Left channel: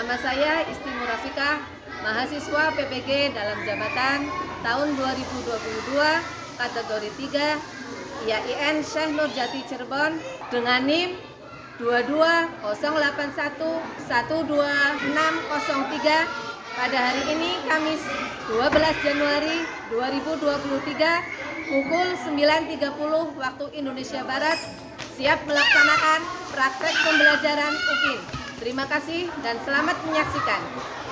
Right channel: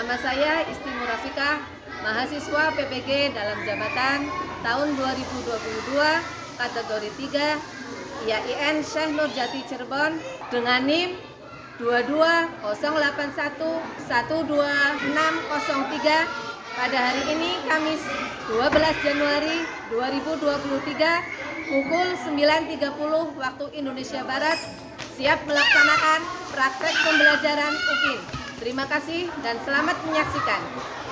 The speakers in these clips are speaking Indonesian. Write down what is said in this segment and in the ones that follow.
Nama saya Isti Murafika, mahasiswa PPG dalam jabatan tahun 2022, kategori 3, IAIN Syekh Nurjati Cirebon dengan NIM 2208112603 pada hari ini Kamis 12 Januari 2023 pukul 9.30 waktu Indonesia Barat siap melaksanakan praktek pembelajaran UPIN. Terima kasih dan selamat menyaksikan.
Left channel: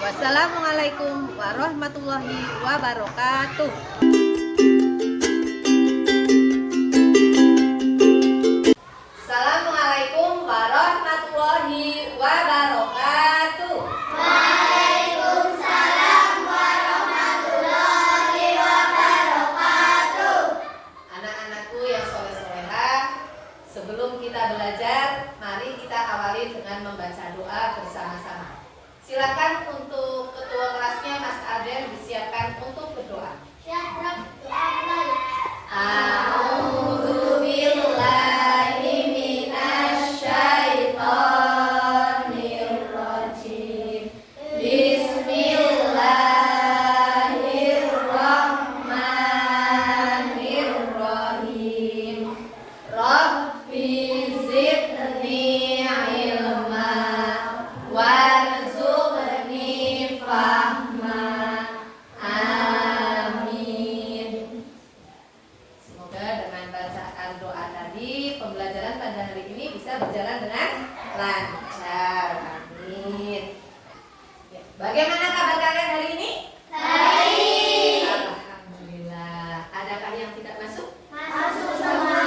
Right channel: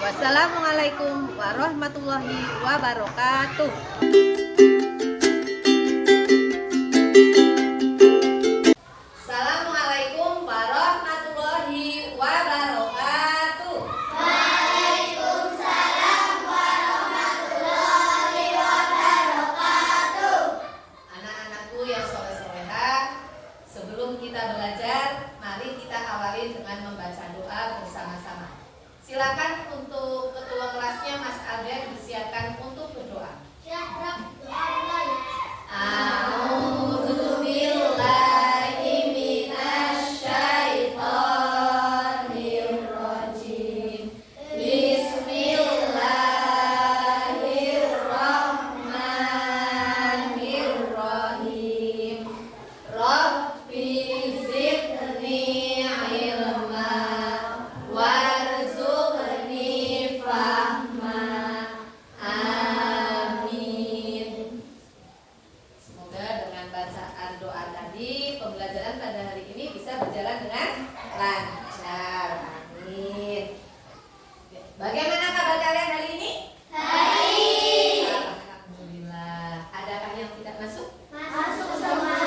Wassalamualaikum warahmatullahi wabarakatuh. Assalamualaikum warahmatullahi wabarakatuh. Waalaikumsalam warahmatullahi wabarakatuh. Anak-anakku yang soleh-solehah, sebelum kita belajar, mari kita awali dengan membaca doa bersama-sama. Silakan untuk ketua kelasnya Mas Aden disiapkan untuk berdoa. A'udzu billahi minasyaitonir rajim. Bismillahirrahmanirrahim. Rabbi zidni ilma warzuqni fahma. Amin. Semoga dengan bacaan doa tadi pembelajaran pada hari ini bisa berjalan dengan lancar. Amin. Bagaimana kabar kalian hari ini? Baik. Alhamdulillah. Adakah yang tidak masuk? Masuk semua.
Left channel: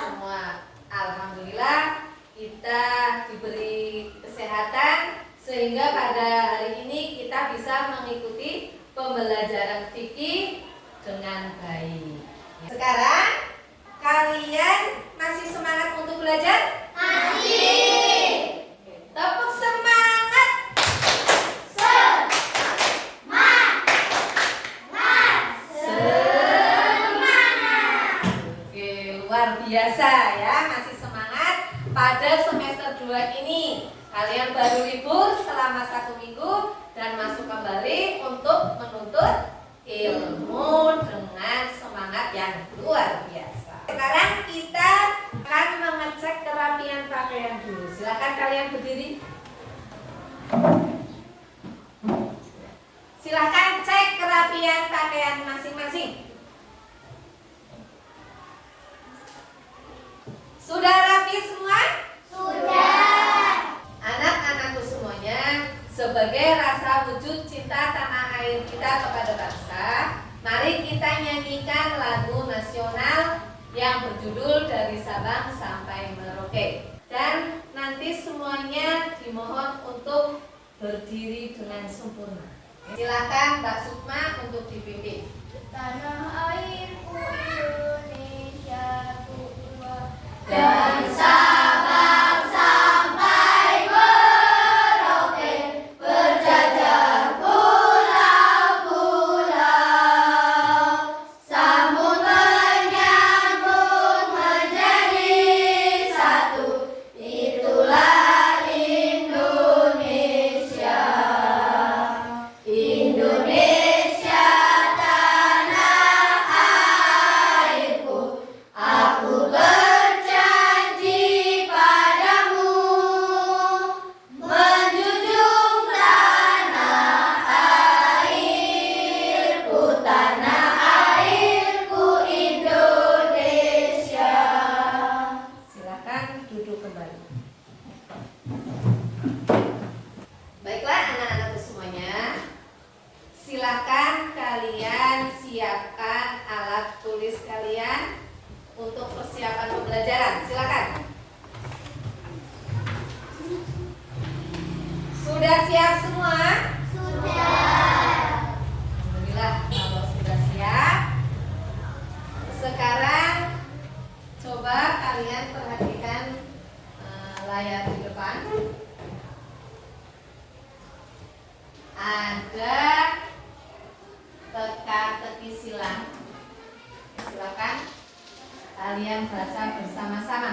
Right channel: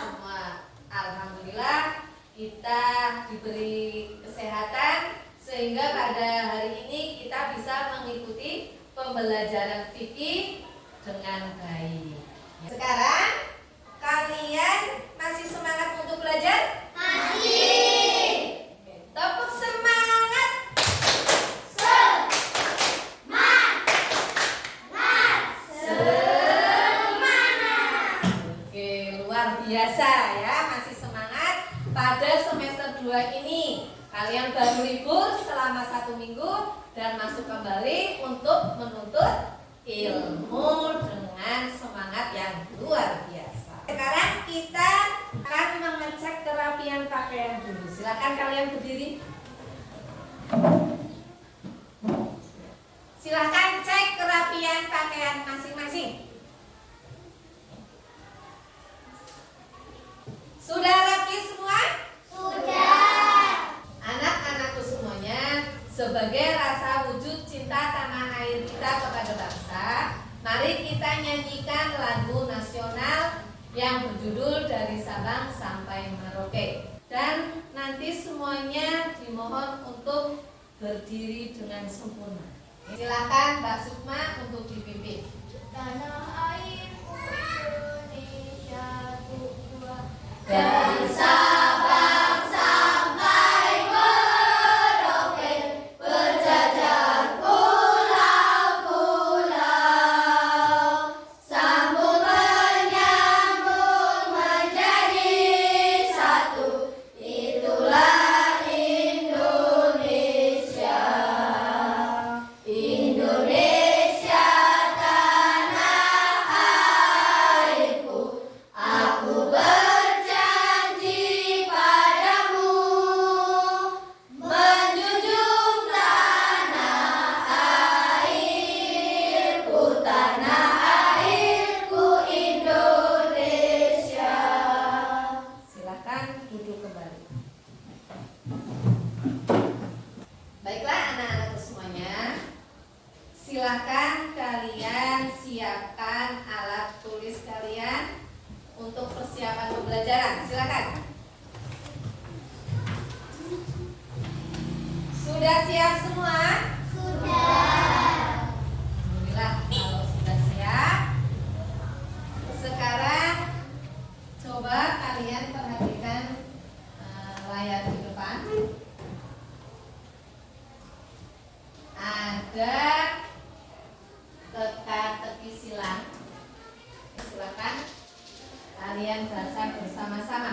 Semua. Alhamdulillah kita diberi kesehatan sehingga pada hari ini kita bisa mengikuti pembelajaran fikih dengan baik. Sekarang kalian masih semangat untuk belajar? Masih. Tepuk semangat. Semangat. Oke, luar biasa ya, masih semangat pada semester 2 ini. Kalian baru libur selama 1 minggu dan masuk kembali untuk menuntut ilmu dengan semangat yang luar biasa. Sekarang kita akan mengecek kerapian pakaian dulu. Silakan kalian berdiri. Silakan cek kerapian pakaian masing-masing. Sudah rapi semua? Sudah. Anak-anakku semuanya, sebagai rasa wujud cinta tanah air kita kepada bangsa, mari kita nyanyikan lagu nasional yang berjudul Dari Sabang Sampai Merauke. Dan nanti semuanya dimohon untuk berdiri dengan sempurna. Silakan Mbak Sukma untuk dipimpin. Tanah airku Indonesia ku Dari Sabang sampai Merauke berjajar pulau-pulau, sambung menyambung menjadi satu, itulah Indonesia. Indonesia tanah airku, aku berjanji padamu menjunjung tanah airku Indonesia. Silakan duduk kembali. Baiklah anak-anakku semuanya, silakan kalian siapkan alat tulis kalian untuk persiapan pembelajaran. Silakan. Sudah siap semua? Sudah. Alhamdulillah kalau sudah siap. Sekarang coba kalian perhatikan layar di depan. Ada teka-teki silang. Silakan kalian baca bersama-sama.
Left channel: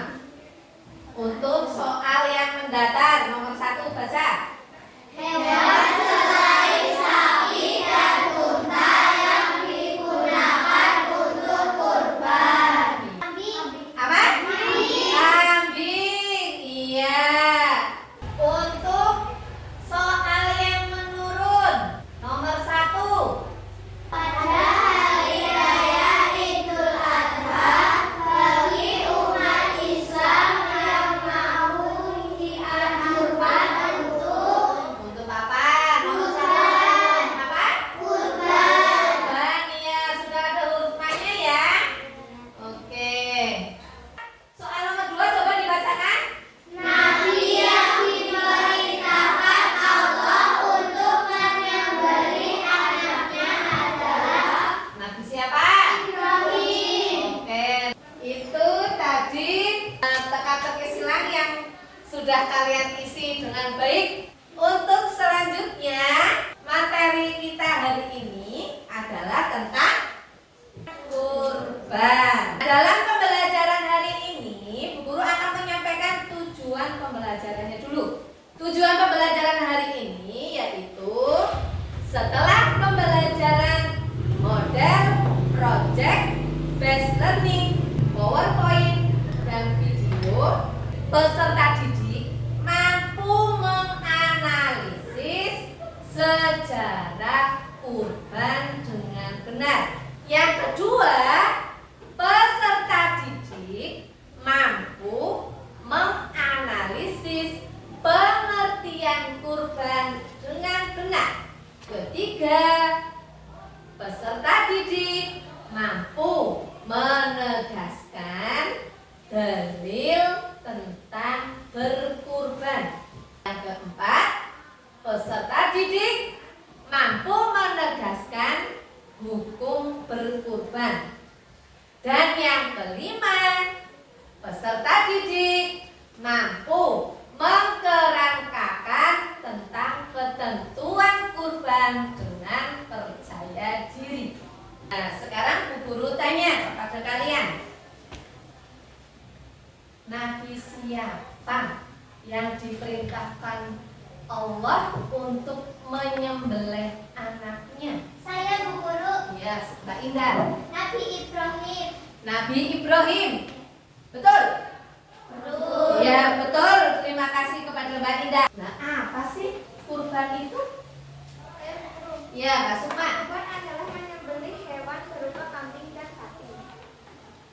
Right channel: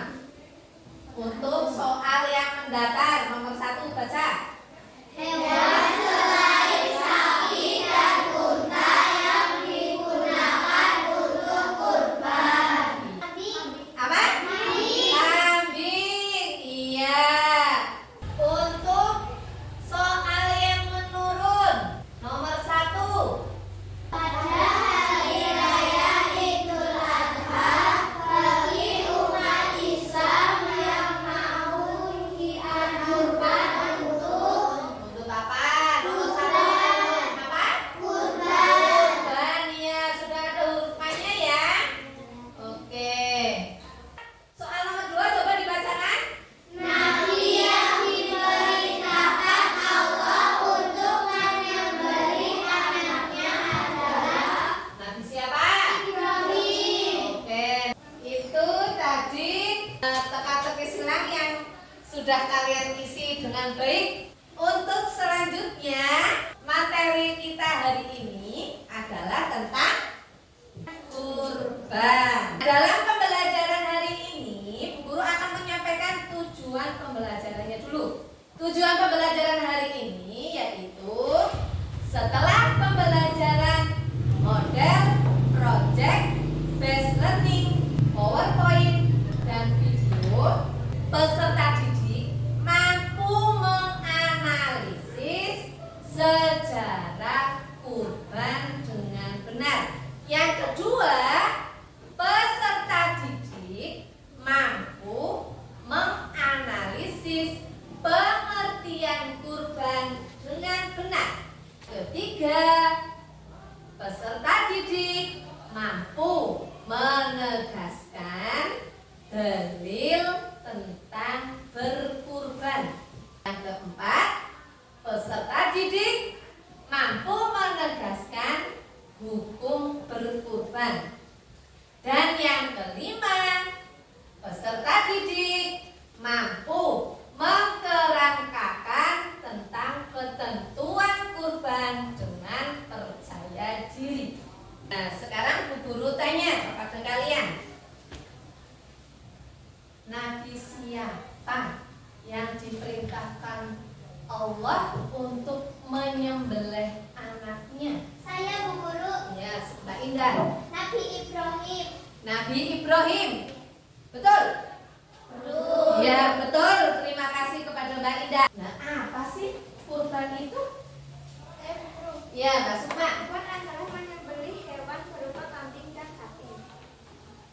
Untuk soal yang mendatar nomor 1 baca. Hewan cara kurban dengan benar. Yang kedua, peserta didik mampu menganalisis pengertian kurban dengan benar. Ketiga, peserta didik mampu menegaskan dalil tentang berkurban. Yang keempat, peserta didik mampu menegaskan hukum berkurban. Dan yang kelima, peserta didik mampu mengkerangkakan tentang ketentuan kurban dengan percaya diri. Nah, sekarang Bu Guru tanya kepada kalian, Nabi siapa yang diperintahkan Allah untuk menyembelih anaknya? Saya Bu Guru. Ya, Mbak Indah. Nabi Ibrahim. Nabi Ibrahim. Betul? Betul. Ya, betul. Terima kasih kepada Mbak Indah. Nah, apa sih kurban itu? Ya, Mbak Sukma. Kurban adalah menyembelih hewan berupa kambing dan sapi.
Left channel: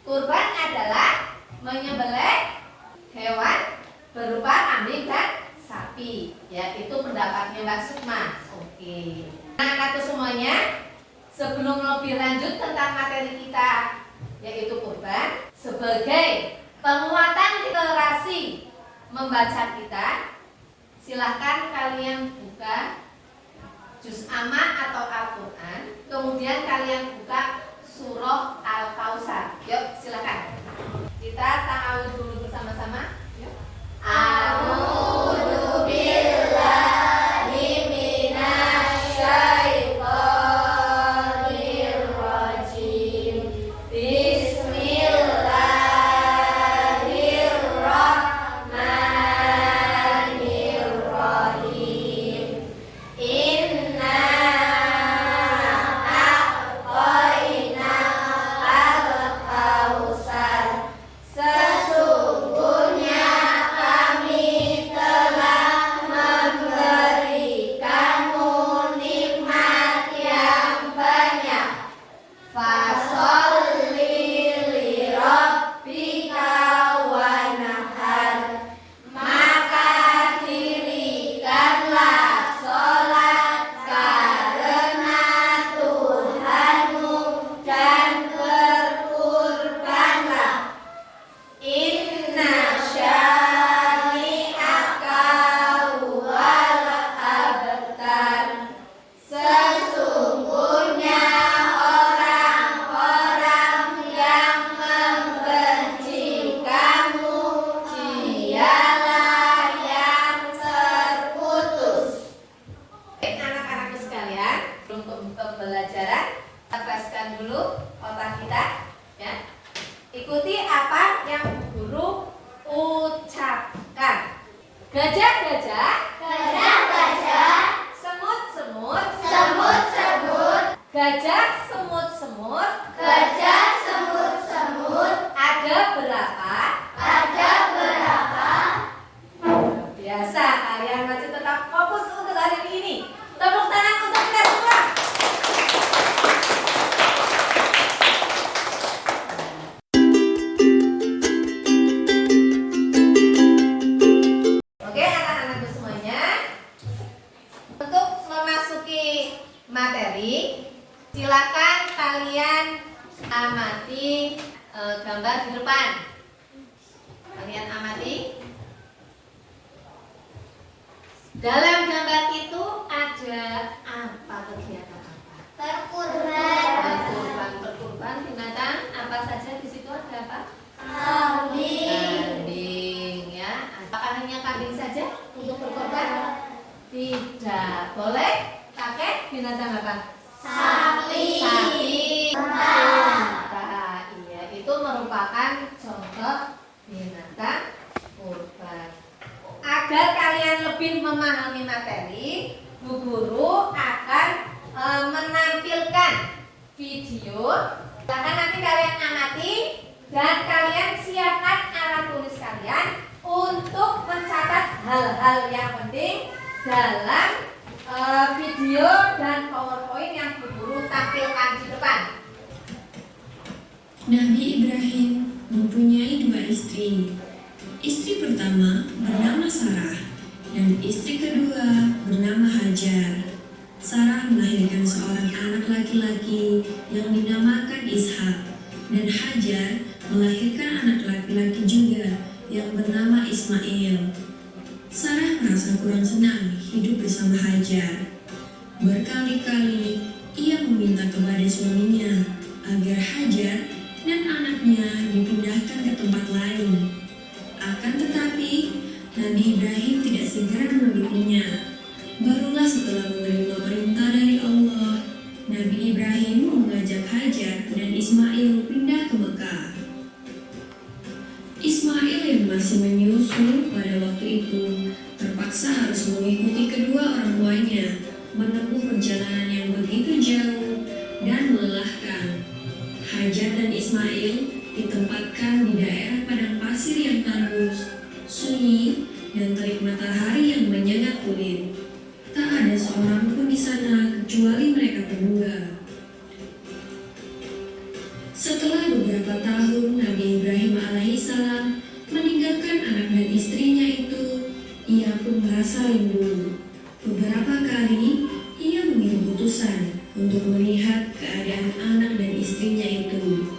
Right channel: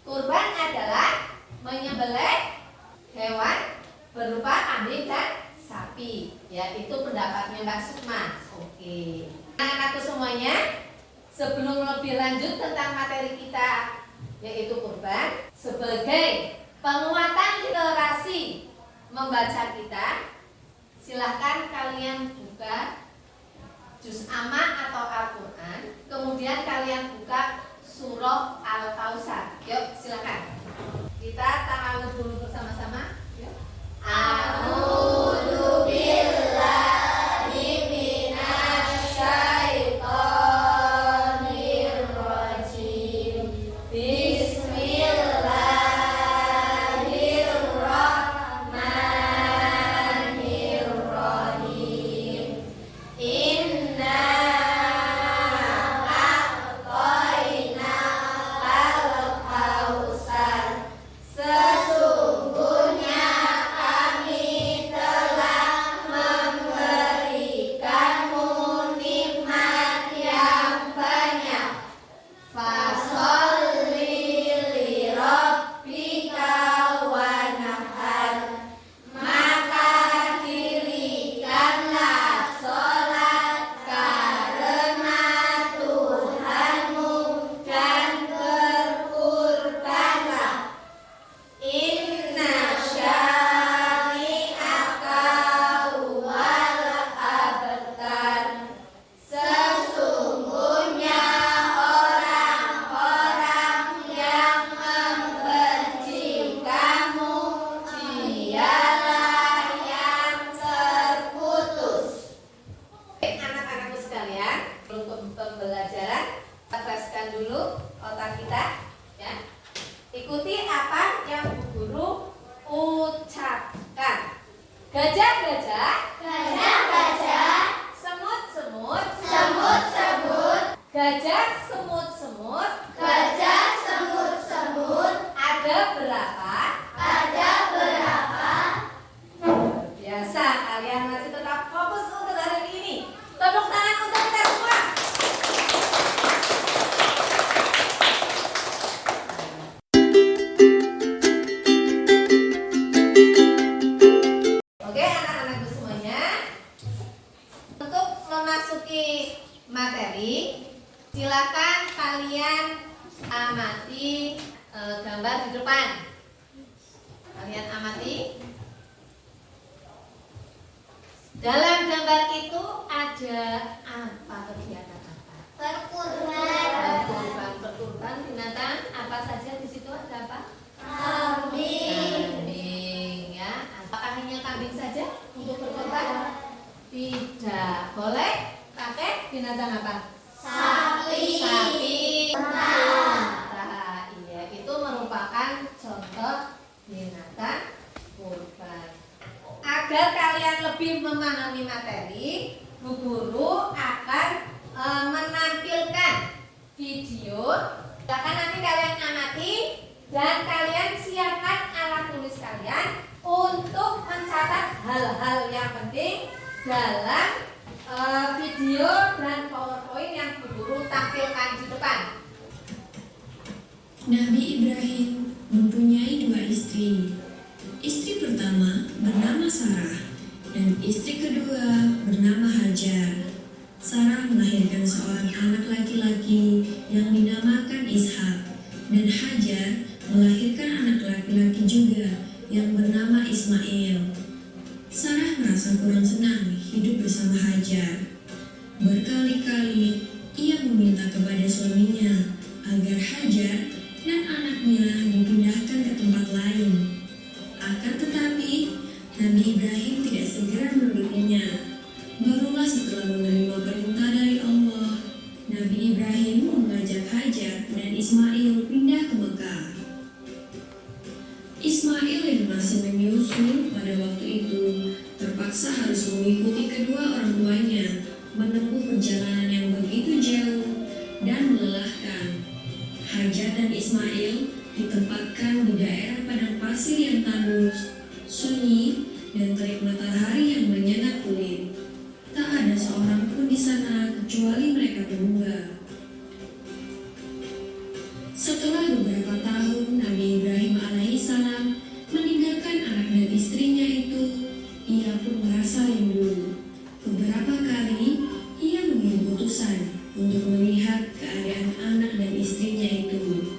Kurban adalah menyembelih hewan berupa kambing dan sapi. Ya, itu pendapatnya Mbak Sukma. Oke. Anak-anakku semuanya, sebelum lebih lanjut tentang materi kita, yaitu kurban, sebagai penguatan literasi membaca kita, silahkan kalian buka juz amma atau Al-Quran, kemudian kalian buka surah Al-Kausar. Yuk, silahkan. Kita ta'awudz dulu bersama-sama. Yuk. A'udzu billahi minasyaitonir rajim. Bismillahirrahmanirrahim. Inna a'tayna al-kausar. Sesungguhnya kami telah memberikanmu nikmat yang banyak. Fasholli li rabbika wanhar. Maka dirikanlah sholat karena Tuhanmu dan berkurbanlah. Inna syani'aka huwal abtar. Sesungguhnya orang-orang yang membenci kamu dialah yang terputus. Anak-anakku sekalian, untuk pembelajaran, refreshkan dulu otak kita, ya. Ikuti apa yang Bu Guru ucapkan. Gajah-gajah, Gajah-gajah, semut-semut, semut-semut, gajah semut-semut, gajah semut-semut, ada berapa? ada berapa? Biasa, kalian masih tetap fokus untuk hari ini. Tepuk tangan untuk kita semua. Oke, anak-anakku semuanya, untuk memasuki materi, silakan kalian amati gambar di depan. Kalian amati. Dalam gambar itu ada apa, kegiatan apa? Berkurban, Berkurban binatang apa saja di situ, ada apa? kambing, Kambing, ya. Apakah hanya kambing saja untuk berkorban? Tidak. Boleh pakai binatang apa? sapi, Sapi, unta. unta. Iya, itu merupakan contoh binatang kurban. Agar kalian lebih memahami materi, Bu Guru akan menampilkan video. Silakan nanti kalian amati dan kalian siapkan alat tulis kalian untuk mencatat hal-hal yang penting dalam video dan Nabi Ibrahim mempunyai dua istri. Istri pertama bernama Sarah dan istri kedua bernama Hajar. Sarah melahirkan seorang anak laki-laki yang dinamakan Ishak, dan Hajar melahirkan anak laki-laki juga yang bernama Ismail. Sarah merasa kurang senang hidup bersama Hajar. Berkali-kali ia meminta kepada suaminya agar Hajar dan anaknya dipindahkan ke tempat lain. Akan tetapi, Nabi Ibrahim tidak segera menurutinya. Barulah setelah menerima perintah dari Allah, Nabi Ibrahim mengajak Hajar dan Ismail pindah ke Mekah. Ismail yang masih menyusu pada waktu itu terpaksa harus mengikuti kedua orang tuanya menempuh perjalanan yang begitu jauh dan melelahkan. Hajar dan Ismail ditempatkan di daerah padang pasir yang tandus, sunyi, dan terik matahari yang menyengat kulit. Tak ada seorang pun di sana kecuali mereka berdua. Setelah beberapa tahun Nabi Ibrahim alaihissalam meninggalkan anak dan istrinya itu, ia pun merasa rindu. Beberapa kali ia mengirim utusan untuk melihat keadaan anak dan istrinya itu.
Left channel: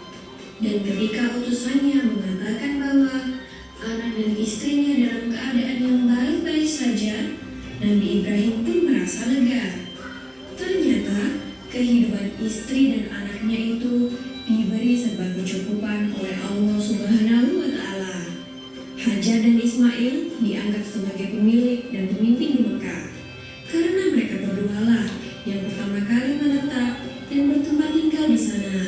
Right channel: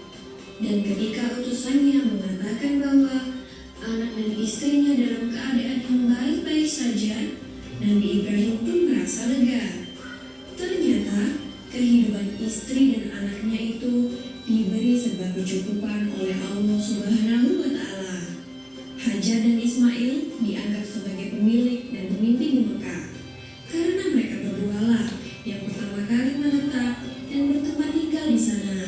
Dan ketika utusannya mengatakan bahwa anak dan istrinya dalam keadaan yang baik-baik saja, Nabi Ibrahim pun merasa lega. Ternyata kehidupan istri dan anaknya itu diberi serba kecukupan oleh Allah Subhanahu wa Ta'ala. Hajar dan Ismail dianggap sebagai pemilik dan pemimpin di Mekah karena mereka berdualah yang pertama kali menetap dan bertempat tinggal di sana.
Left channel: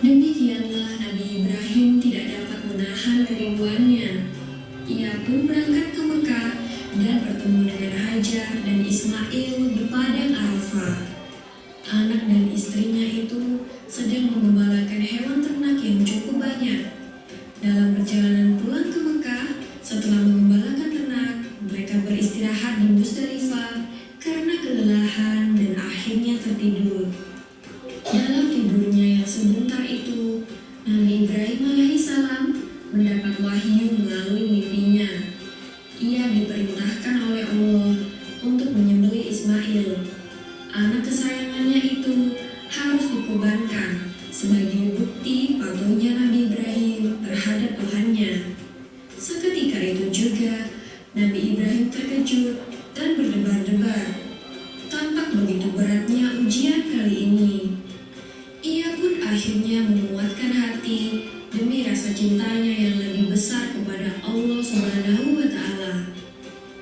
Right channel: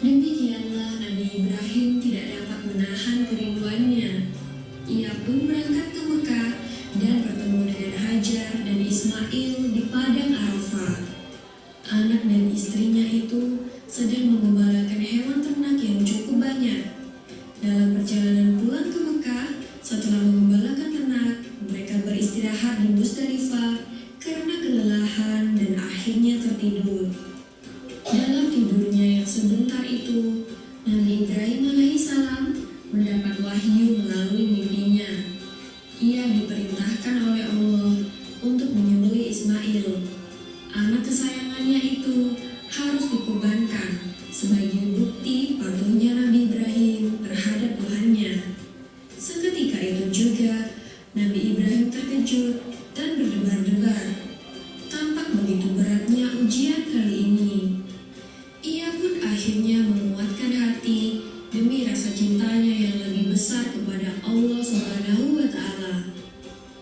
Demikianlah Nabi Ibrahim tidak dapat menahan kerinduannya. Ia pun berangkat ke Mekah dan bertemu dengan Hajar dan Ismail di padang Arafah. Anak dan istrinya itu sedang mengembalakan hewan ternak yang cukup banyak. Dalam perjalanan pulang ke Mekah, setelah mengembalakan ternak, mereka beristirahat di Musdalifah karena kelelahan dan akhirnya tertidur. Dalam tidurnya yang sebentar itu, Nabi Ibrahim alaihissalam mendapat wahyu melalui mimpinya. Ia diperintahkan oleh Allah untuk menyembelih Ismail. Anak kesayangannya itu harus dikorbankan sebagai bukti patuhnya Nabi Ibrahim terhadap Tuhannya. Seketika itu juga Nabi Ibrahim terkejut dan berdebar-debar. Tampak begitu beratnya ujian kali ini. Ia pun akhirnya menguatkan hati demi rasa cintanya yang lebih besar kepada Allah Subhanahu wa Ta'ala.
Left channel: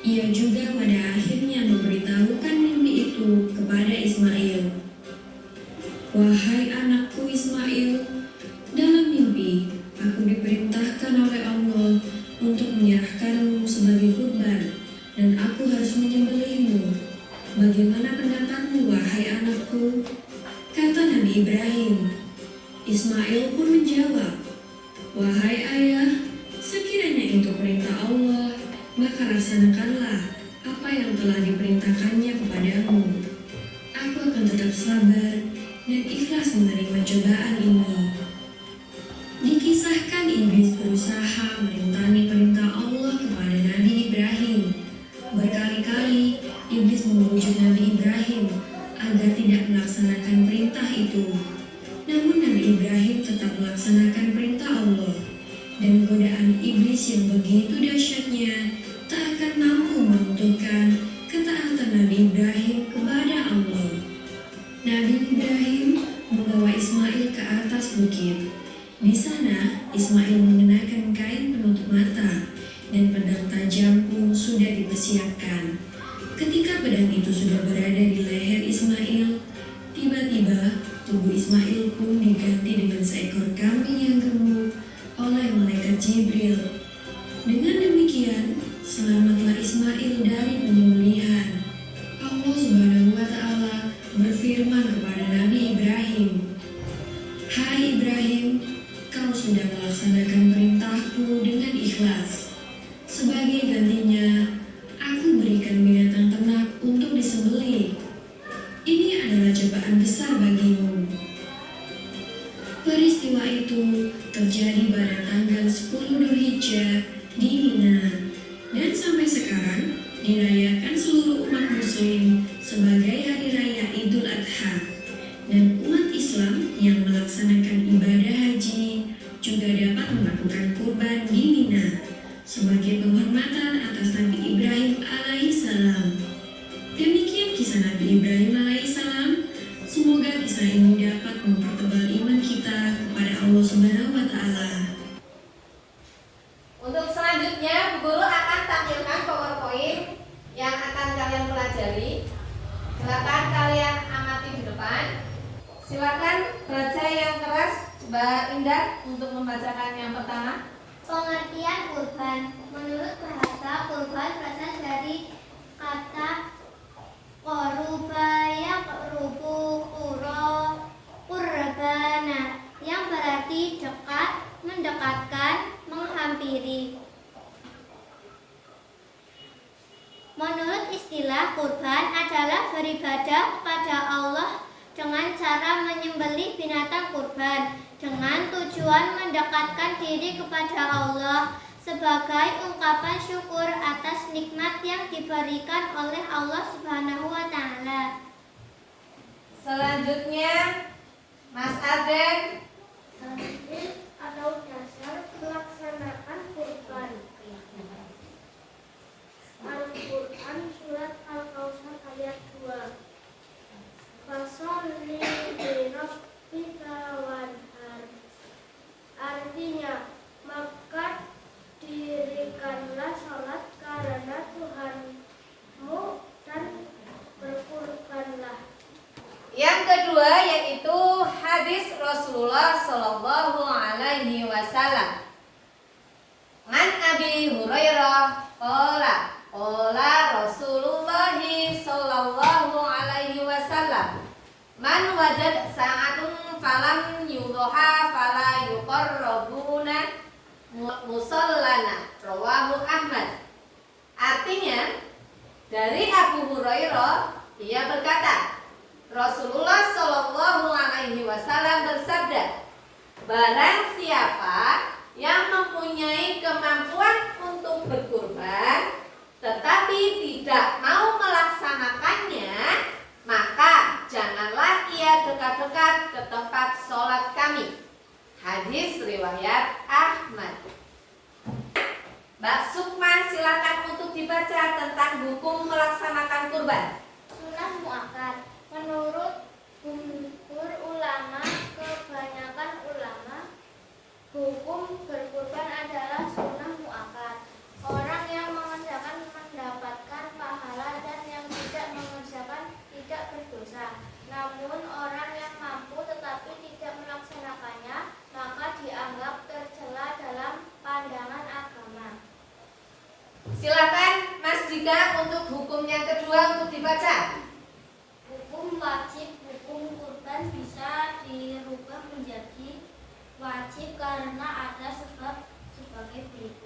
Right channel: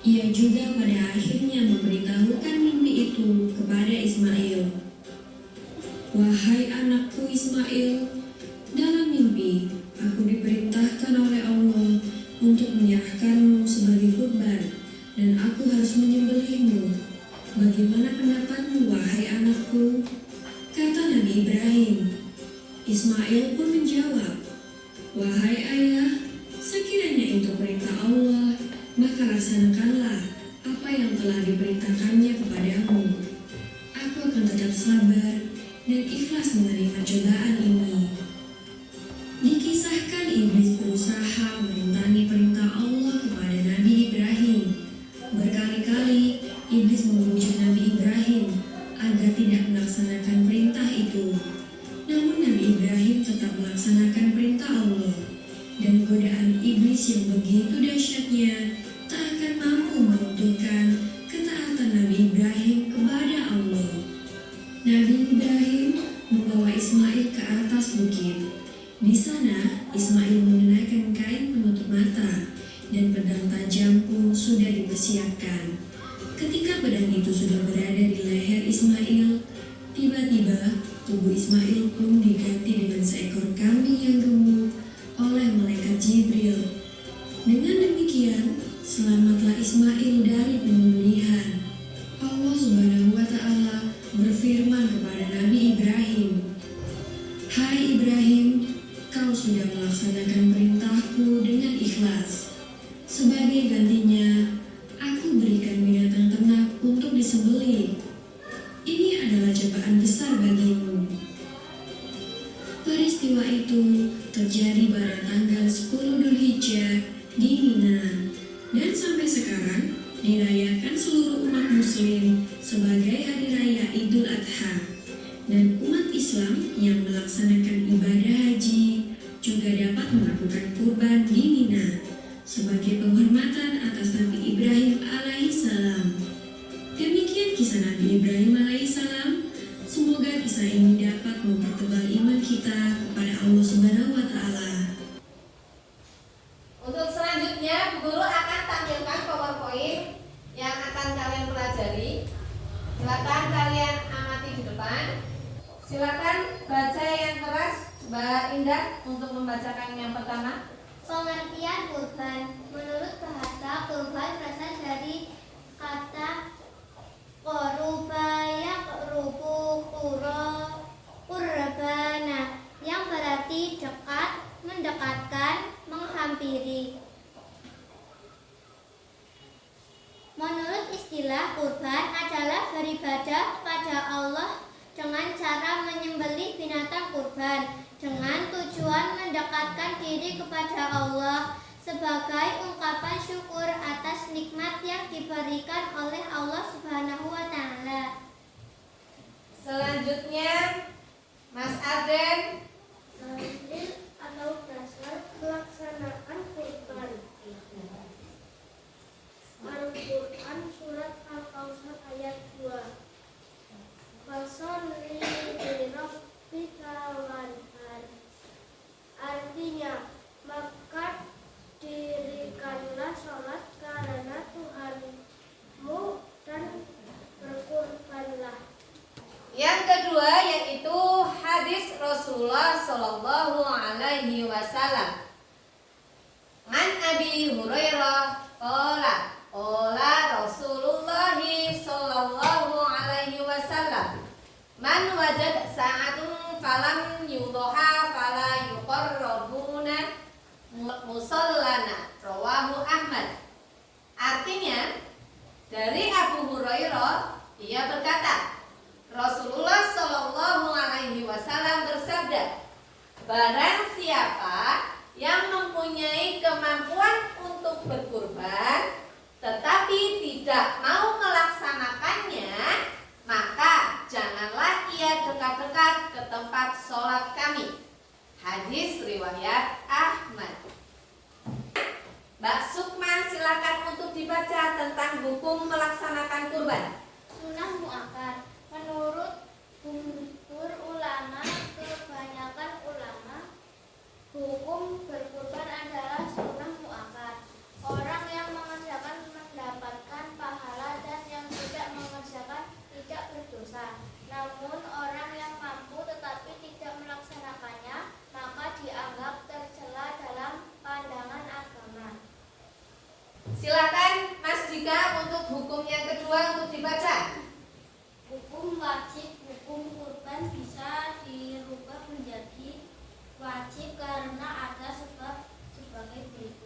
Ia juga pada akhirnya memberitahukan mimpi itu kepada Ismail. Wahai anakku Ismail, dalam mimpi aku diperintahkan oleh Allah untuk menyerahkanmu sebagai kurban dan aku harus menyembelihmu. Bagaimana pendapatmu wahai anakku? Kata Nabi Ibrahim. Ismail pun menjawab, wahai ayah, sekiranya itu perintah Allah, maka laksanakanlah apa yang telah diperintahkannya kepadamu. Aku akan tetap sabar dan ikhlas menerima cobaan ini. Dikisahkan iblis berusaha merintangi perintah Allah kepada Nabi Ibrahim. Berkali-kali iblis membujuk Nabi Ibrahim agar tidak melaksanakan perintah itu. Namun Nabi Ibrahim tetap melaksanakan perintah Allah. Dan godaan iblis yang begitu dahsyatnya tak akan mampu meruntuhkan ketaatan Nabi Ibrahim kepada Allah. Nabi Ibrahim membawa Ismail ke atas bukit. Di sana, Ismail mengenakan kain penutup mata dan pedang tajam pun sudah dipersiapkan. Ketika pedang itu sudah berada di leher Ismail, tiba-tiba tubuh Ismail pun diganti dengan seekor kambing yang gemuk oleh malaikat Jibril. Dengan demikian, selamatlah Ismail dari penyembelihan. Allah Subhanahu wa Ta'ala berfirman kepada Nabi Ibrahim, hai Ibrahim, kau sudah melaksanakan perintahku dengan ikhlas. Sebagai gantinya, aku berikan binatang ternak untuk disembelih. Ini adalah cobaan besar bagimu. Peristiwa sebagai hari raya Idul Adha, dan umat Islam yang melaksanakan ibadah haji juga dapat melakukan kurban di Mina sebagai penghormatan atas Nabi Ibrahim alaihissalam. Demikian kisah Nabi Ibrahim alaihissalam. Semoga kisah ini dapat mempertebal iman kita kepada Allah Subhanahu wa Ta'ala. Untuk selanjutnya, Bu Guru akan tampilkan PowerPoint yang akan kalian pelajari. Silakan kalian amati di depan. Silakan baca yang keras, Mbak Indah, untuk membacakan yang pertama. Pengertian kurban. Menurut bahasa, kurban berasal dari kata korubaya kerubu kurbana yang berarti dekat, mendekatkan, menghampiri. Menurut istilah, kurban adalah beribadah kepada Allah dengan cara menyembelih binatang kurban dengan tujuan mendekatkan diri kepada Allah sebagai ungkapan syukur atas nikmat yang diberikan oleh Allah Subhanahu wa Ta'ala. Selanjutnya, Mas Aden. Dalil atau dasar pelaksanaan kurban. Al-Quran surat Al-Kautsar ayat 2. Fasholli lirabbika wanhar. Artinya, maka dirikanlah sholat karena Tuhanmu dan berkurbanlah. Yang kedua yaitu hadis Rasulullah Shallallahu Alaihi Wasallam. An Abi Hurairah qala Rasulullah Shallallahu Alaihi Wasallam, man wajad sa'atun falam yudhoha fala yuqarrabuna musallana, rawahu Ahmad. Artinya, dari Abu Hurairah, ia berkata, Rasulullah Shallallahu Alaihi Wasallam bersabda, barang siapa yang mempunyai kemampuan untuk berkurban tetapi tidak mau melaksanakannya, maka janganlah ia dekat-dekat ke tempat sholat kami. Hadis riwayat Ahmad. Mbak Sukma, silakan untuk dibaca tentang hukum melaksanakan kurban. Sunnah muakkad. Menurut jumhur ulama, kebanyakan ulama, hukum berkurban adalah sunnah muakkad. Orang yang mengerjakan mendapatkan pahala dan yang tidak mengerjakan tidak berdosa. Namun orang yang mampu tetapi tidak melaksanakannya, maka dianggap tercela dalam pandangan agama. Silakan Mas Dika untuk hukum yang kedua untuk dibaca. Hukum wajib. Hukum kurban bisa dirubah menjadi wajib karena ada sebab sebagai berikut.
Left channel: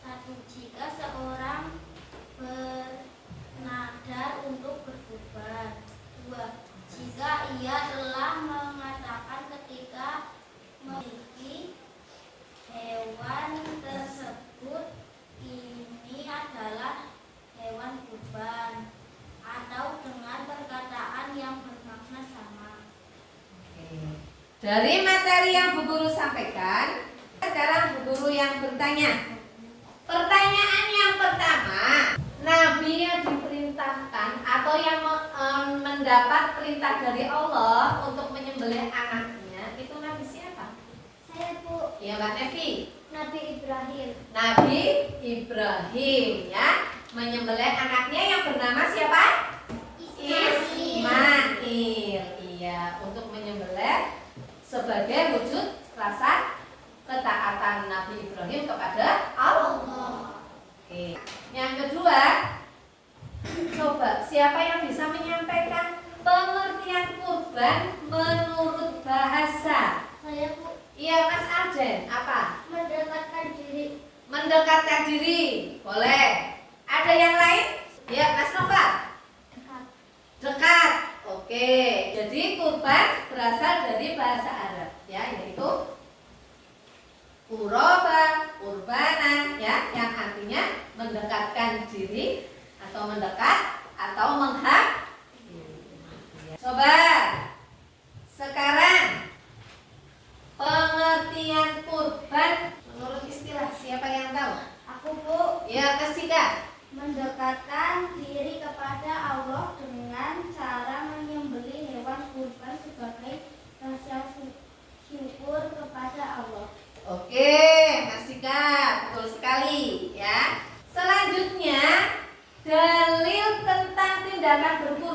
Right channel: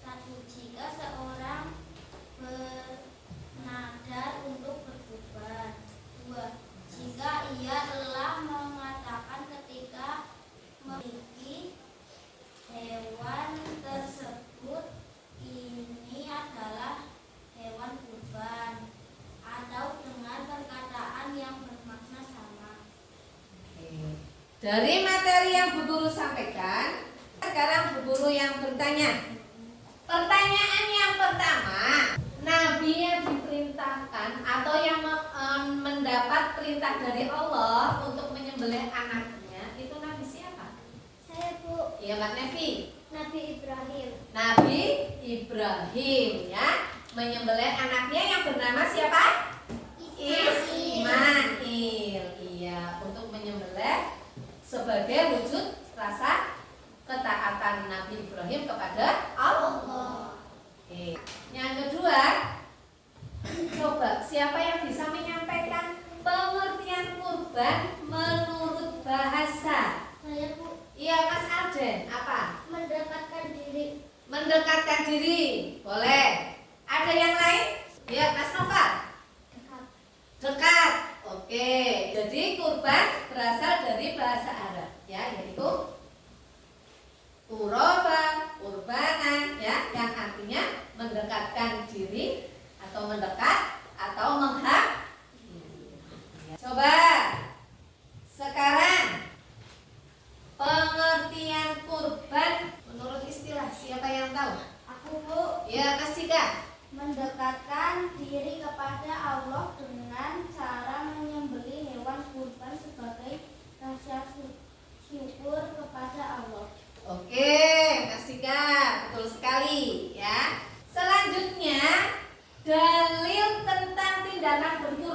1. Jika seorang bernadar untuk berkurban. 2. Jika ia telah mengatakan ketika memiliki hewan tersebut ini adalah hewan kurban, atau dengan perkataan yang bermakna sama. Dari materi yang Bu Guru sampaikan, sekarang Bu Guru yang bertanya. Pertanyaan yang pertama, Nabi yang diperintahkan atau yang mendapat perintah dari Allah untuk menyembelih anaknya, itu Nabi siapa? Saya, Bu. Ya, Mbak Nevi. Nabi Ibrahim. Nabi Ibrahim, ya, menyembelih anaknya yang bernama siapa? Ismail. Iya, untuk menyembelih sebagai wujud rasa ketaatan Nabi Ibrahim kepada Allah. Oke. Yang kedua, coba siapa yang bisa menyampaikan pengertian kurban menurut bahasa? Saya, Bu. Iya, Mas Arjen. Apa? Mendekatkan diri. Mendekatkan diri. Boleh. Ada yang lain? Ya, Mas Nova. Dekat. Oke. Jadi kurban berasal dari bahasa Arab, ya, yaitu Uroba, urbana, ya, yang artinya mendekatkan diri atau mendekat atau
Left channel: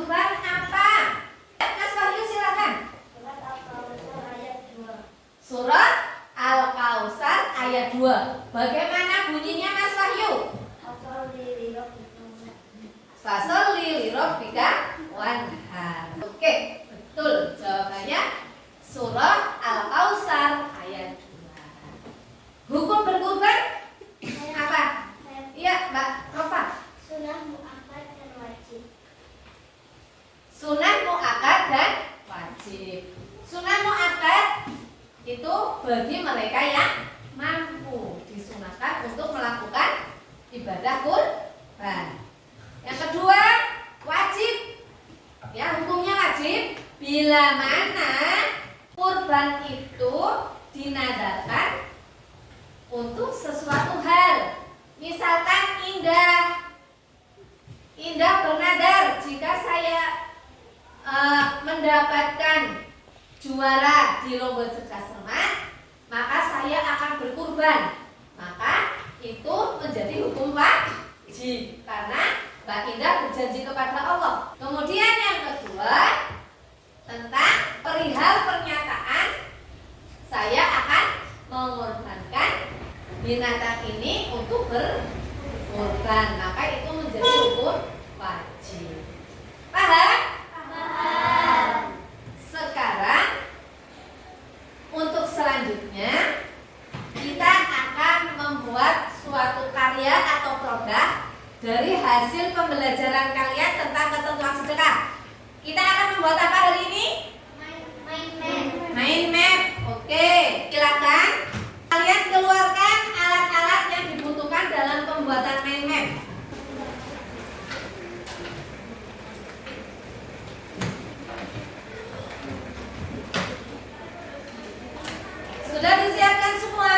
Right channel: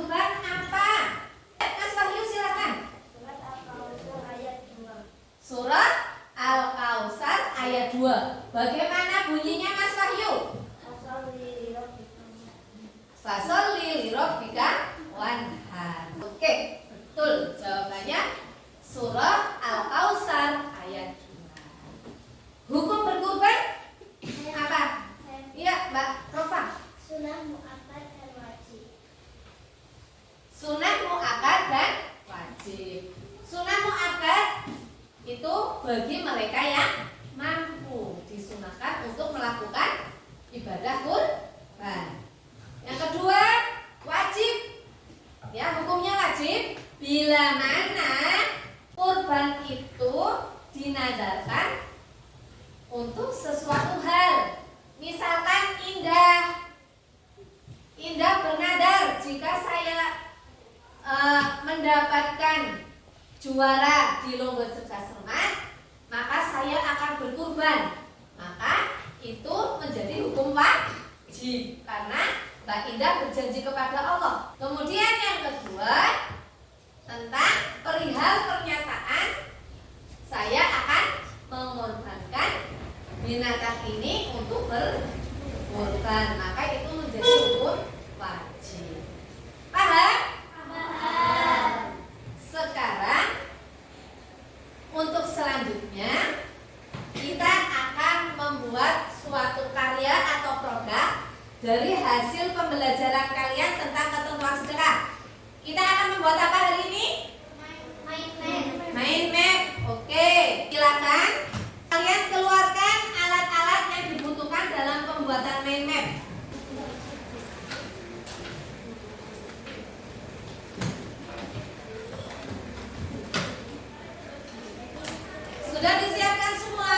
kurban apa? Mas Wahyu silakan. Surat Al-Kautsar ayat 2. Bagaimana bunyinya Mas Wahyu? Fasholli li rabbika wanhar. Oke, betul jawabannya Surah Al-Kautsar ayat 2. Hukum berkurban apa? Iya, Mbak Rofa. Sunnah muakkad dan wajib. Sunnah muakkad dan wajib. Sunnah muakkad itu bagi mereka yang mampu disunahkan untuk melakukan ibadah kurban. Yang kedua, wajib. Ya, hukumnya wajib bila mana kurban itu dinadarkan untuk sesuatu hal. Misalkan Indah bernadar, jika saya mendapatkan juara di lomba cerdas cermat, maka saya akan berkurban. Maka itu menjadi hukum wajib karena Mbak Indah berjanji kepada Allah. Kemudian yang kedua, tentang perihal pernyataan saya akan mengorbankan binatang ini untuk berkurban, maka itu menjadi hukum wajib. Paham? Paham. Sekarang untuk selanjutnya kita akan membuat suatu karya atau produk dari hasil pembelajaran kalian tentang ketentuan sedekah. Kita akan membuat apa hari ini? Mind map. Oke, silakan kalian keluarkan alat-alat yang dibutuhkan dalam pembuatan mind map. Sudah disiapkan semua?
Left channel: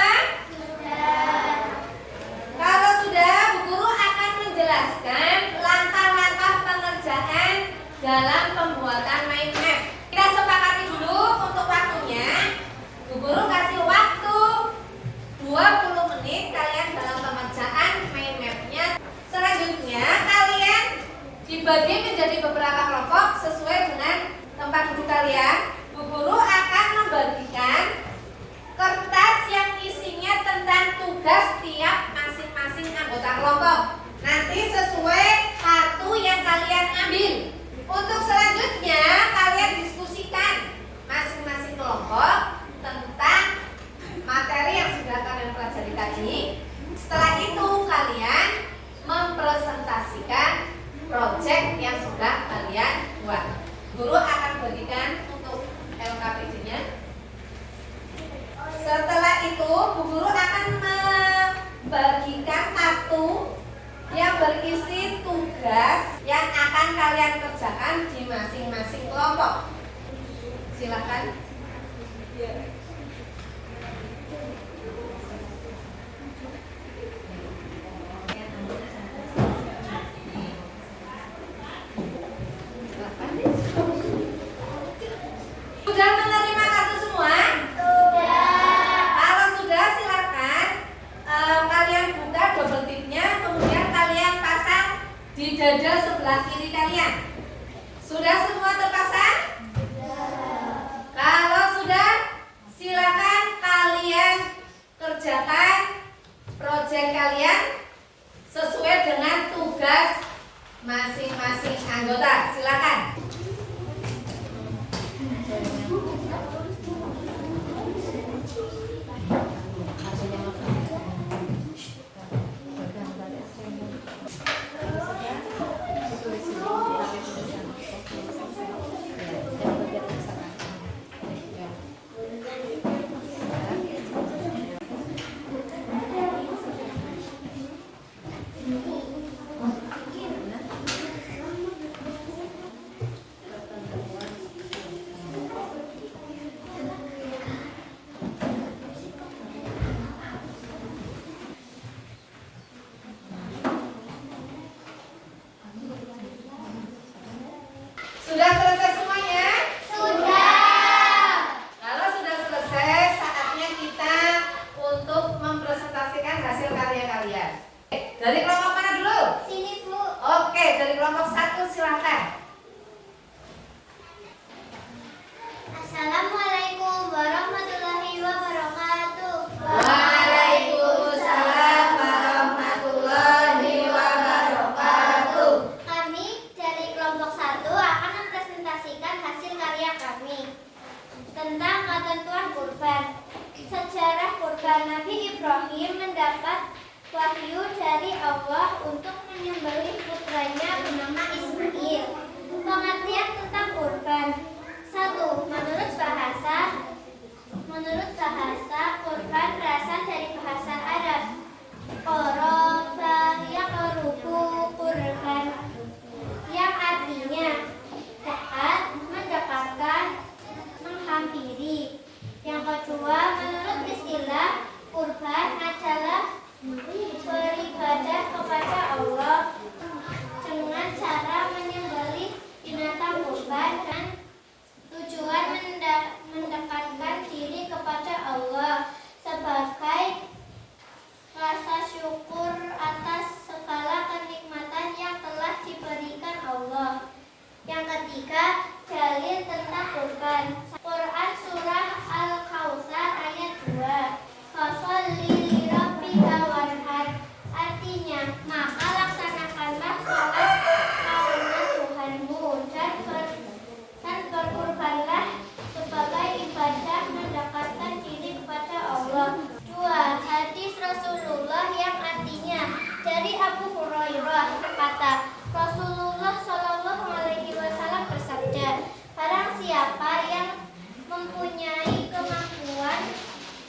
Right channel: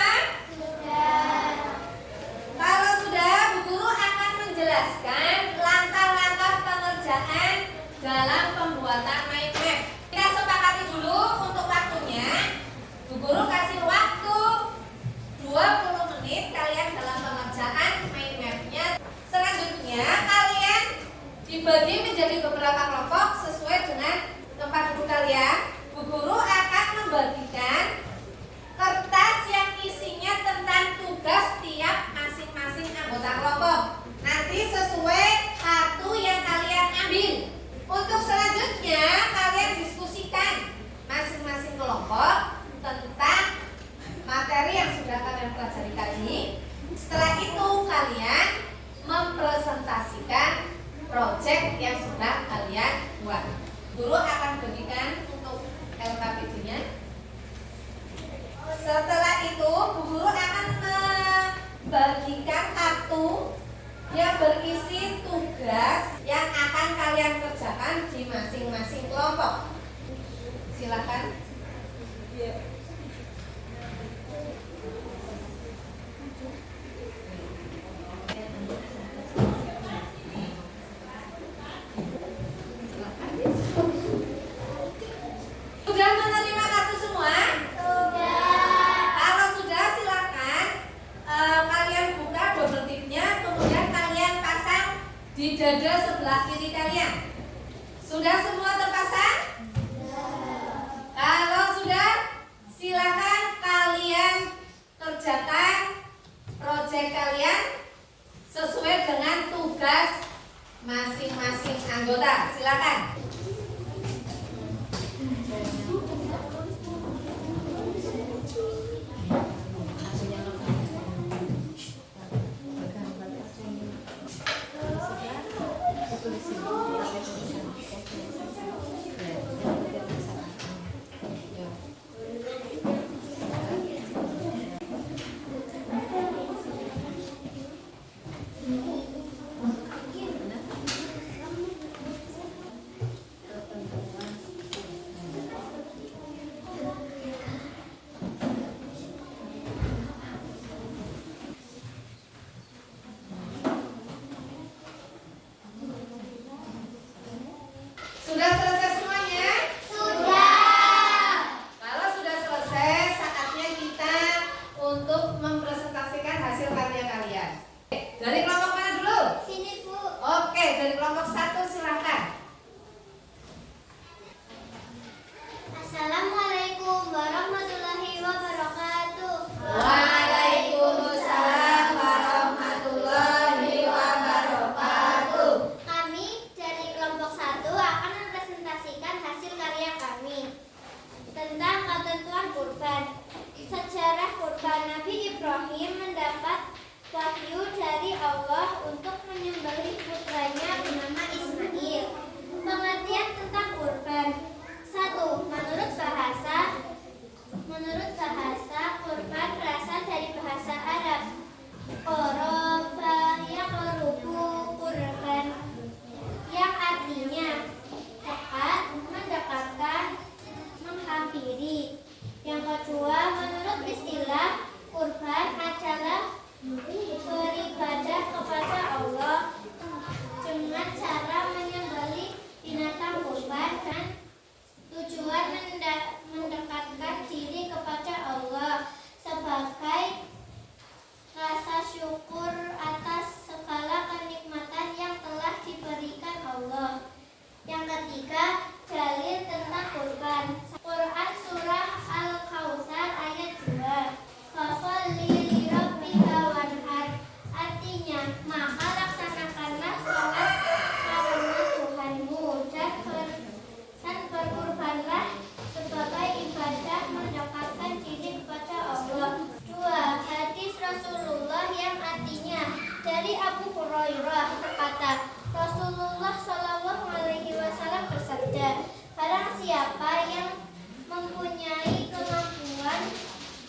Kalau sudah, Bu Guru akan menjelaskan langkah-langkah pengerjaan dalam pembuatan mind map. Kita sepakati dulu untuk waktunya. Bu Guru kasih waktu 20 menit kalian dalam pengerjaan mind map-nya. Selanjutnya kalian dibagi menjadi beberapa kelompok sesuai dengan tempat duduk kalian. Bu Guru akan membagikan kertas yang isinya tentang tugas tiap masing-masing anggota kelompok. Nanti sesuai kartu yang kalian ambil. Untuk selanjutnya kalian diskusikan masing-masing kelompok tentang materi yang sudah kalian pelajari tadi. Setelah itu kalian mempresentasikan proyek yang sudah kalian buat. Guru akan bagikan untuk LKPD-nya. Setelah itu Bu Guru akan membagikan kartu yang berisi tugas yang akan kalian kerjakan di masing-masing kelompok. Silakan. Sudah menerima kartu semua? Kalau sudah, silakan kalian buka double tipnya, kemudian kalian pasang di dada sebelah kiri kalian. Sudah semua terpasang? Kalau sudah, silakan kalian kerjakan proyek kalian sesuai dengan tugas masing-masing anggota. Silakan. Sudah selesai semuanya? Sudah. Kalau sudah selesai, saatnya kita untuk mempresentasikan hasil karya kalian. Dari kelompok mana dulu? Sini, Bu. Oke, dari kelompok 1 silakan. tentang ketentuan kurban. Sejarah kurban. Nabi Ibrahim mendapat wahyu dari Allah untuk menyembelih putranya bernama Ismail. Pengertian tentang kurban. 1. Menurut bahasa, kurban berasal dari bahasa Arab. Qoroba yaqrubu kurban, yang artinya dekat, mendekatkan, menghampiri. Yang kedua, menurut istilah, kurban adalah beribadah kepada Allah dengan cara menyembelih binatang kurban dan tujuan mendekatkan diri kepada Allah sebagai rasa syukur atas segala kenikmatan yang telah diberikan Allah. Yang ketiga, dalil tentang kurban. Quran Surah Al-Kautsar ayat 2. Fasholli lirabbika wanhar. Artinya, maka laksanakanlah sholat karena Tuhanmu dan berkurbanlah sebagai ibadah mendekatkan diri kepada Allah. 2. Hadis Rasulullah yang artinya dari Abu Hurairah berkata, Rasulullah Shallallahu Alaihi Wasallam bersabda, barang siapa yang mempunyai kemampuan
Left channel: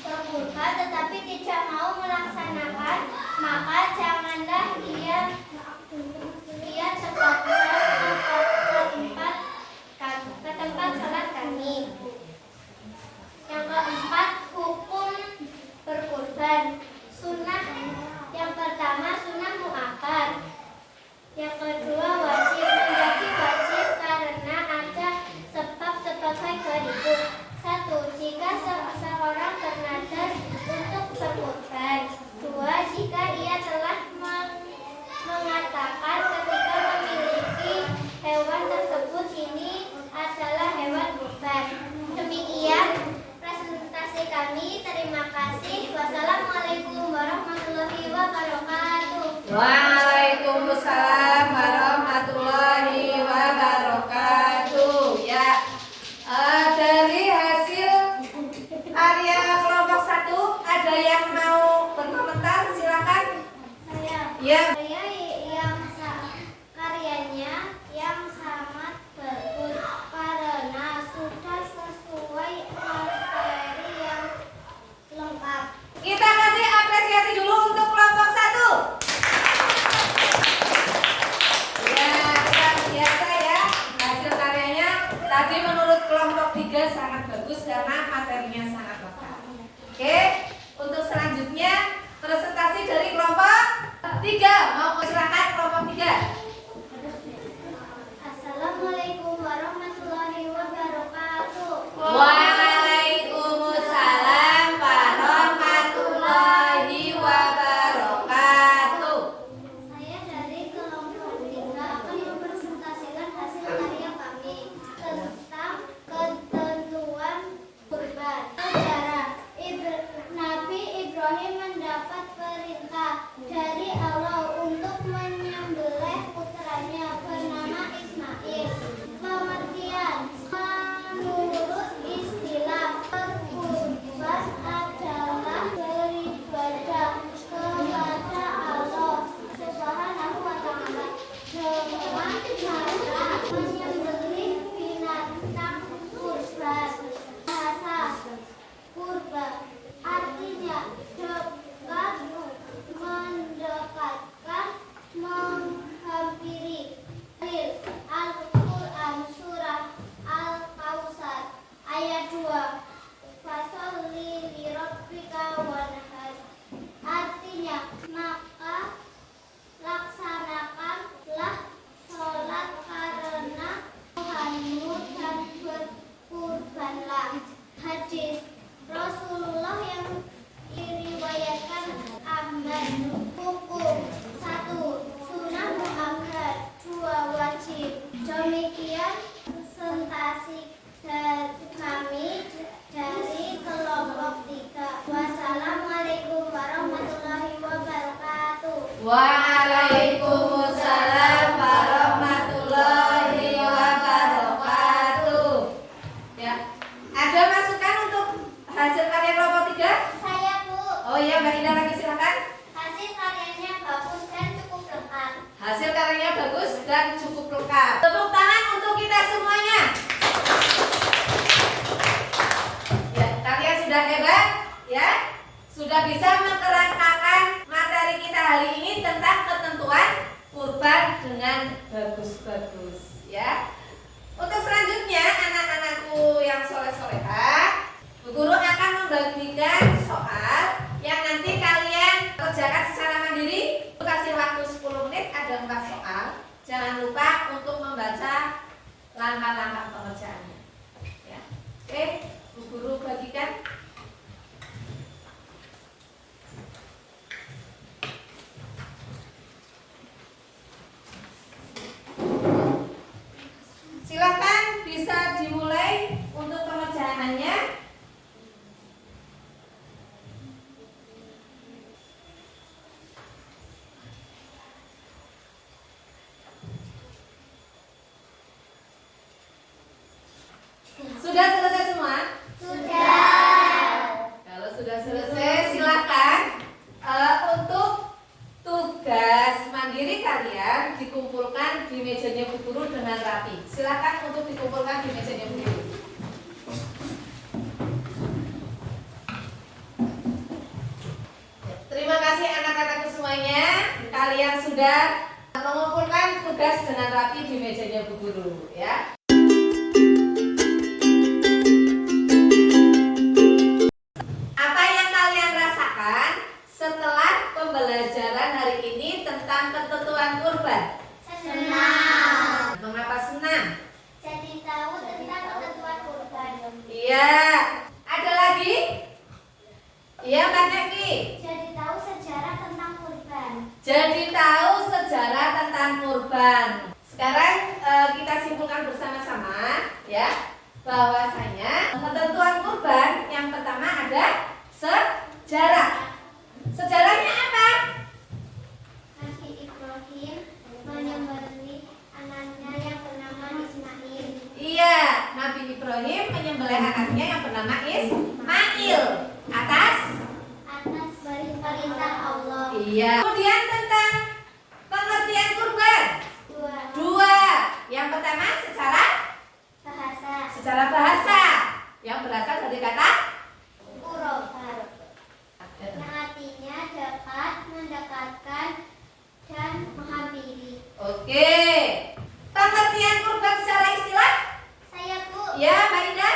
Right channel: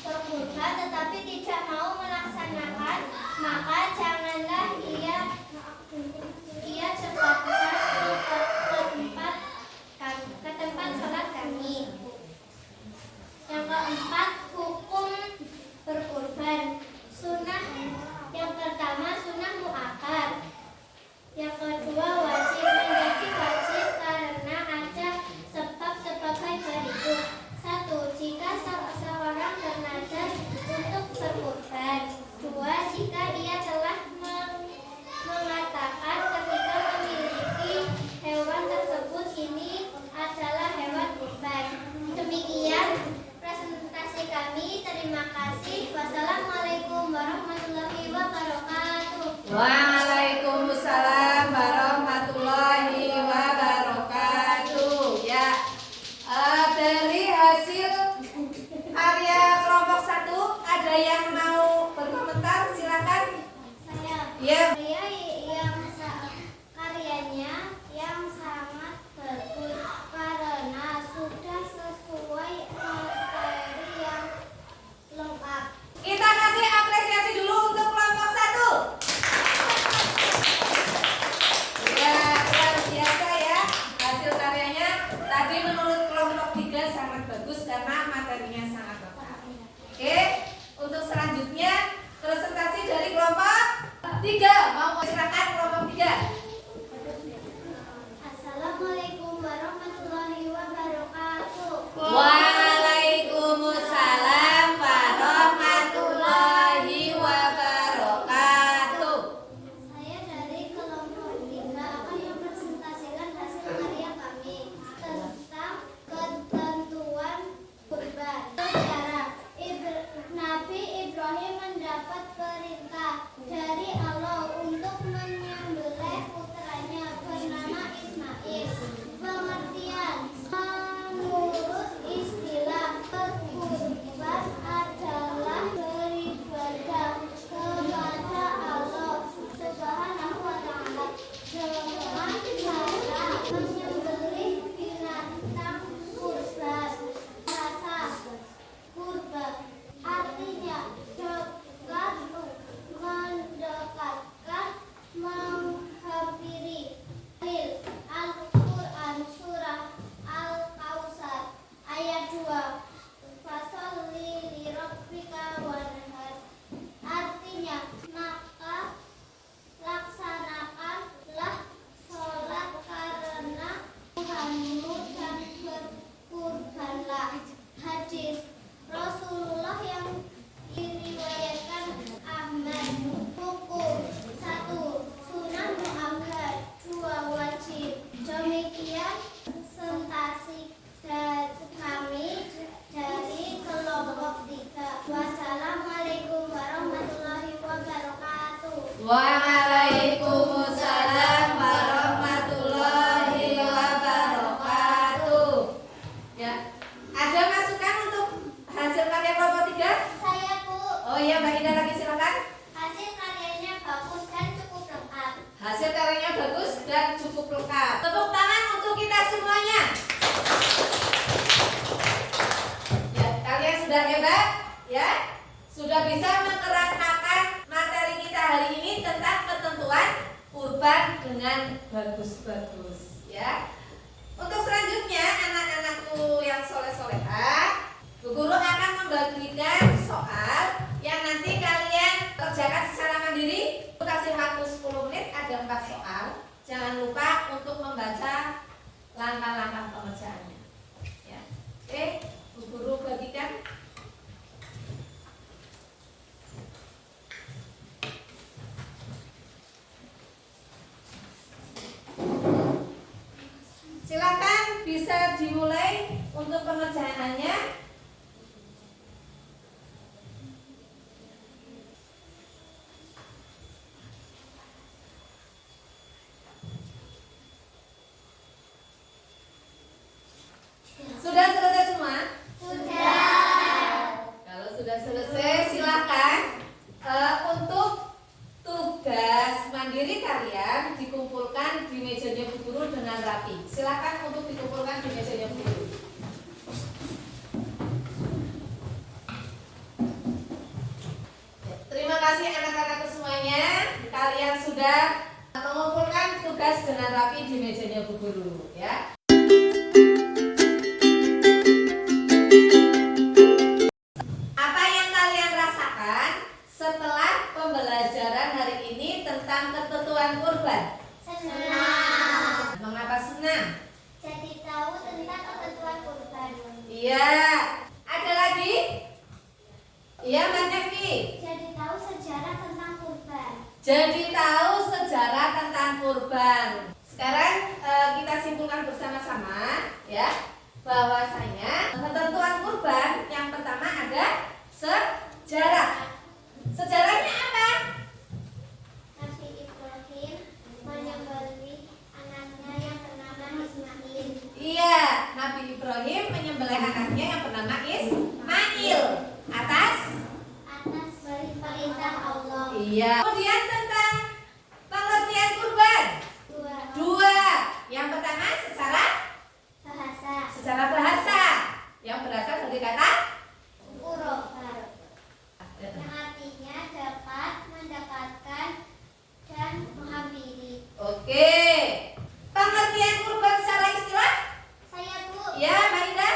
berkurban tetapi tidak mau melaksanakan, maka janganlah ia sebabkan ke tempat sholat kami. Yang keempat, hukum berkurban. Sunnah yang pertama sunnah muakkad. Yang kedua wajib, menjadi wajib karena ada sebab sebagai berikut. 1. Jika seseorang bernazar untuk berkurban. 2. Jika ia telah mengatakan ketika memiliki hewan tersebut ini adalah hewan kurban. Demikian presentasi kami. Terima kasih. Wassalamualaikum warahmatullahi wabarakatuh. Waalaikumsalam warahmatullahi wabarakatuh. Ya, dari hasil karya kelompok 1 ada yang mau berkomentar? Silakan. Ya. Saya yang karyanya yang sangat bagus karena sudah sesuai materi yang lengkap. Kita kasih apresiasi dulu untuk kelompok 1. Ya, luar biasa ya hasil karyanya. Tadi menurut kelompok 3 sangat bagus karena materinya sangat lengkap. Oke, untuk selanjutnya presentasi dari kelompok 3. Mau silakan kelompok 3. Assalamualaikum warahmatullahi wabarakatuh. Waalaikumsalam warahmatullahi wabarakatuh. Saya dari kelompok 3 akan mempresentasikan hasil karya kami tentang ketentuan kurban. Sejarah. Nabi Ibrahim mendapat perintah dari Allah untuk menyembelih putranya bernama Ismail. Pengertian. Menurut istilah, berkurban adalah beribadah kepada Allah Subhanahu wa Ta'ala dengan cara menyembelih binatang kurban. Bahasa kurban artinya dekat, mendekatkan, menghampiri. Al-Quran Surah Al-Kautsar ayat 2. Fasholli lirabbika wanhar. Artinya, maka laksanakanlah sholat karena Tuhanmu dan berkurbanlah. Hadis Rasulullah yang diriwayatkan Ahmad. Hukum. 1. Sunnah muakkad. 2. Wajib. Demikian presentasi kami dari kelompok 3. Wassalamualaikum warahmatullahi wabarakatuh. Waalaikumsalam warahmatullahi wabarakatuh. Ya, ada masukan silakan bisa dimulai untuk pengerjaannya. Sudah selesai semua? Kalau sudah selesai, silakan untuk tugas mandiri kalian dikumpulkan di mejanya Bu Guru dengan rapi. Silakan untuk dikumpulkan di mejanya Bu Guru. Terima kasih anak-anakku semuanya. Kalian sudah mengumpulkan tugas dengan rapi di mejanya Bu Guru, ya. Setelah pembelajaran hari ini tentang ketentuan kurban. Senang. Mengapa senang? Jadi tahu tentang ketentuan kurban. Iya. Ada lagi? Iya, Mbak Nevi. Jadi tahu sejarah tentang kurban. Jadi tahu sejarah tentang kurban. Sekarang kita simpulkan bersama-sama, ya, bahwasanya ketentuan kurban yang pertama ada sejarah. Sejarahnya apa? Nabi Ibrahim menyembelih anaknya yang bernama Ismail. Iya, Nabi Ibrahim menyembelih anaknya yang bernama Ismail atas perintah Allah. Iya. Kemudian tentang pengertian kurban. Dua. Yang pertama secara bahasa yang berasal dari kata Qurban, yang artinya dapat mendekatkan dan menghampiri. Oke. Pengertian kurban secara istilah? Saya Bu. Ya, Mbak Ida.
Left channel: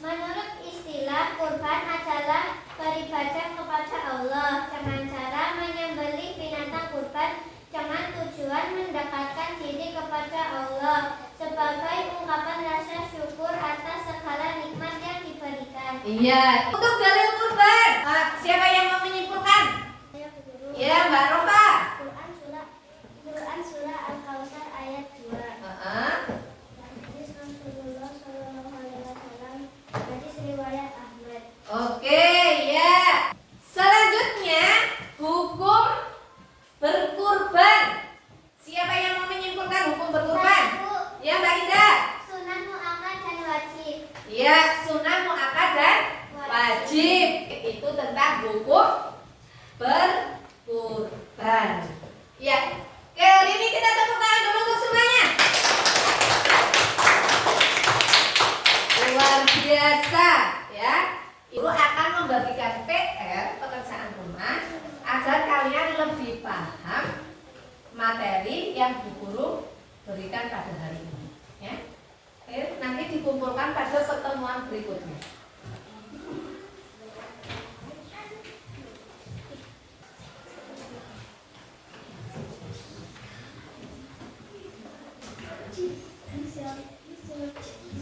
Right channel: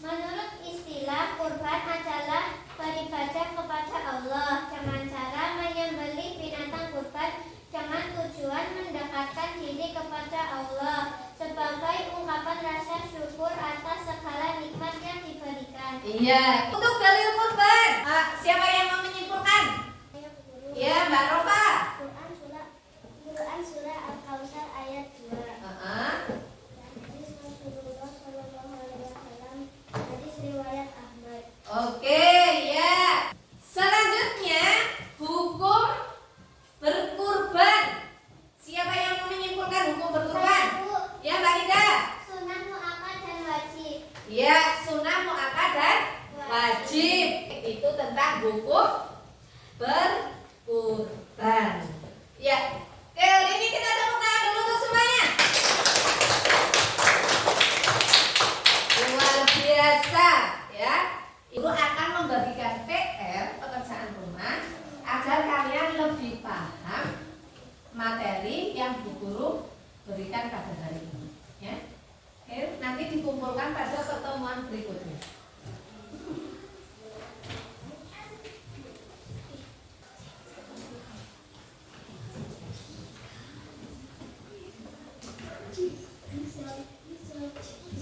Menurut istilah, kurban adalah beribadah kepada Allah dengan cara menyembelih binatang kurban dengan tujuan mendekatkan diri kepada Allah sebagai ungkapan rasa syukur atas segala nikmat yang diberikan. Iya. Untuk dalil kurban, siapa yang mau menyimpulkan? Ya, Mbak Rofa. Quran surah Al-Kautsar ayat 2. Hadis Rasulullah sallallahu alaihi wasallam, hadis riwayat Ahmad. Oke, ya. Selanjutnya, hukum berkurban. Siapa yang mau menyimpulkan hukum berkurban? Ya, Mbak Ida. Sunnah muakkad dan wajib. Ya, sunnah muakkad dan wajib. Itu tentang hukum berkurban. Ya. Oke, hari ini kita tepuk tangan dulu untuk semuanya. Luar biasa, ya. Ibu akan membagikan PR pekerjaan rumah agar kalian lebih paham materi yang Bu Guru berikan pada hari ini, ya. Oke, nanti dikumpulkan pada pertemuan berikutnya.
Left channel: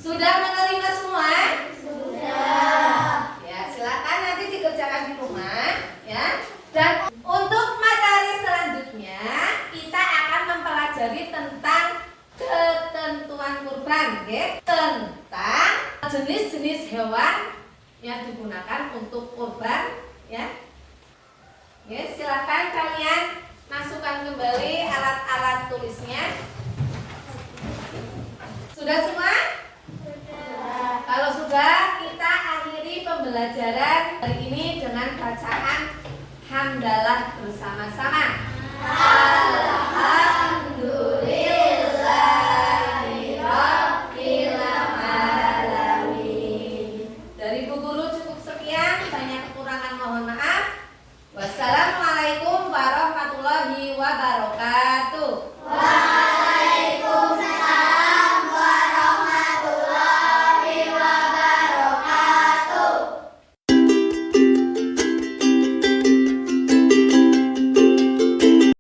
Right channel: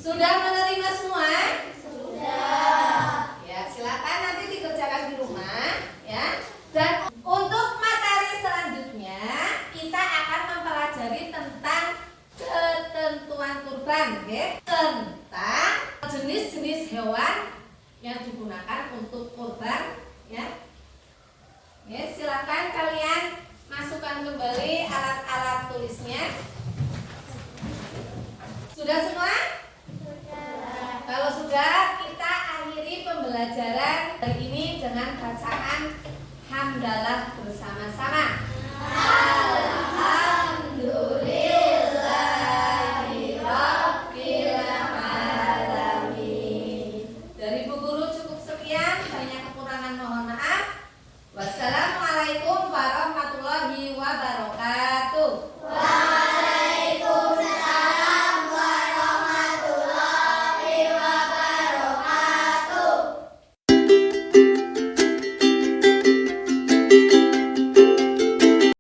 Sudah menerima semua? Sudah. Ya, silakan nanti dikerjakan di rumah, ya. Dan untuk materi selanjutnya kita akan mempelajari tentang ketentuan kurban, okay? Tentang jenis-jenis hewan yang digunakan untuk kurban, ya. Oke, silakan kalian masukkan kembali alat-alat tulisnya. Sudah semua?